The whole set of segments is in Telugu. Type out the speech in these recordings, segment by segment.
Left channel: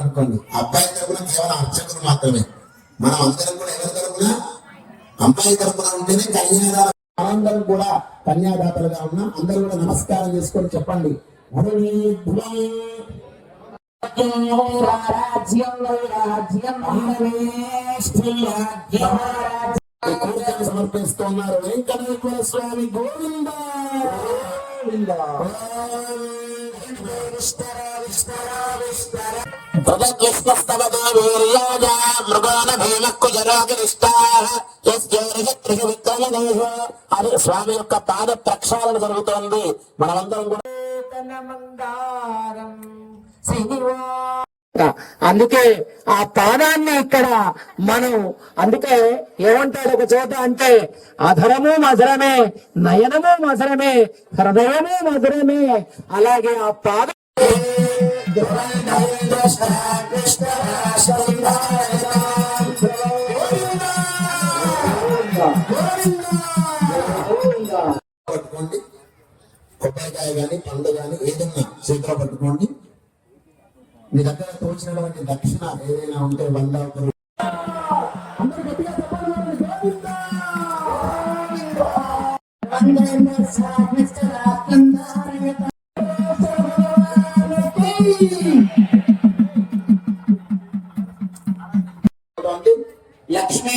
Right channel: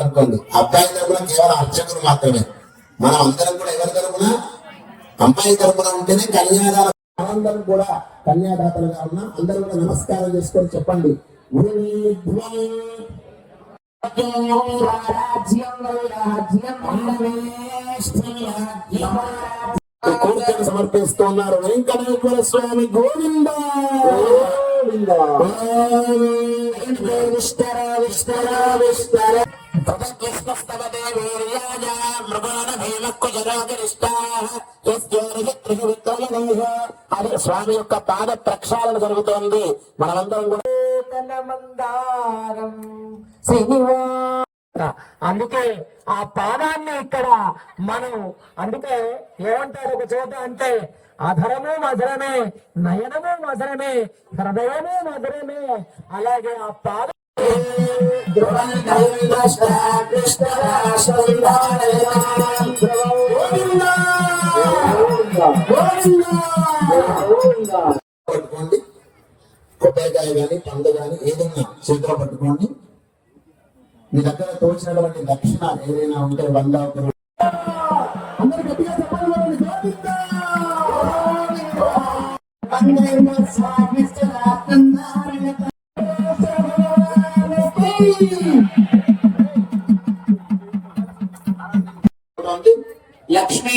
అనుకోండి అబ్బాయి తరపున కేవలం అర్చకులు మాత్రమే మనం అందరం కూడా ఎవరి తరపున అబ్బాయి తరపున ఉంటేనే కన్యాదాన మనందరం కూడా కన్యాదాతలుగా ఉన్నా అందరూ కూడా నమస్కారం చేసుకొని చెప్పండి ఊర్ధ్వం కోరికను సమర్పిస్తున్నారు. వెంకటేశ్వర స్వామి గోవింద. అదే స్వామి యొక్క పాద ప్రక్షాళన జరుగుతోంది. మనమందరం కూడా అందుకే ఆ పాదాన్ని ఇక్కడ మనం అందుకే ఏమంటారు ఒక చోట అంటే అధరము మధురమే నయనము మధురమే హృదయము మధురమే. అలాగే ఆ పాద పట్టుకోండి కొబ్బరికాయ కానీ పండు కానీ ఏదన్నా చేతిలో పట్టుకోండి. మీ దగ్గర తోచినటువంటి దక్షిణ ఏదైనా ఉంటే వంద లక్ష్మీ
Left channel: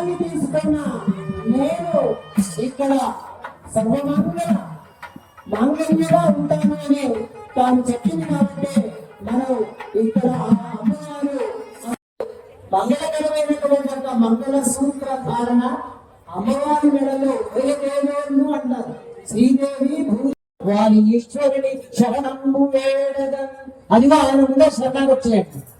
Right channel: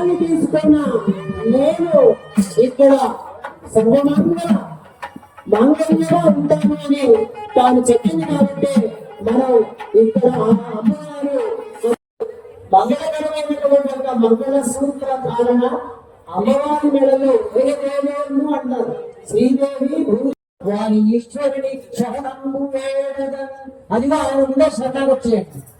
నేను విషయాన్ని తీసుకున్నా నేను ఇక్కడ సర్వమానుగా మానవీయంగా ఉంటాను అని తాను చెప్పింది కాబట్టి మనం ఇక్కడ అమ్మగారు మంగళకరమైనటువంటి ఒక మంగళ సూత్ర కారణ అమ్మవారి మెడలు వేయలేము అన్నారు శ్రీదేవి వారి ఈశ్వరుని శరణము వేడద అదిగో ఆయన ముందే వచ్చేయండి.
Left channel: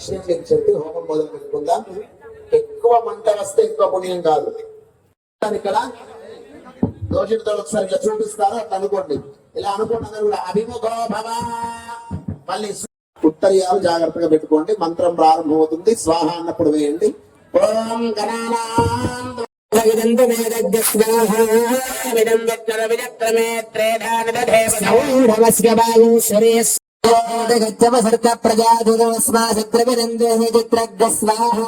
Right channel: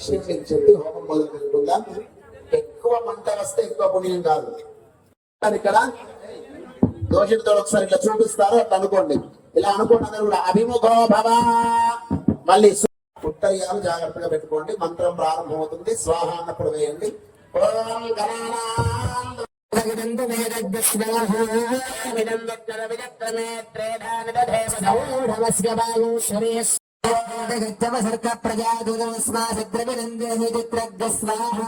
ఇప్పుడు విషయం నేను చెప్పి హోమం మొదలు పెట్టుకుందాం ఎక్కువ మంట వస్తే ఎక్కువ పుణ్యం కాదు ఇక్కడ దోషితో ఒకసారి ఇట్లా చూపిస్తారు అట్లా అనుకోండి ఇలా అనుకోండి అందరూ కూడా అభిముఖో భవ మళ్ళీ ఉత్తరీయాలు జాగ్రత్తగా పెట్టుకోండి మంత్రం ప్రారంభమవుతుంది స్వాహ అన్నప్పుడు వేయండి ఓం గణానాం విదంతు మేదగ్రస్వాహామిదం వ్యక్తర విజక్రమే త్రేధానదధేవ సౌరవస్య వాయుశ్వరే గచ్చవసర్క ప్రజాదురస్మాసగ్రవిరందో చిత్రగ్రస్వాహా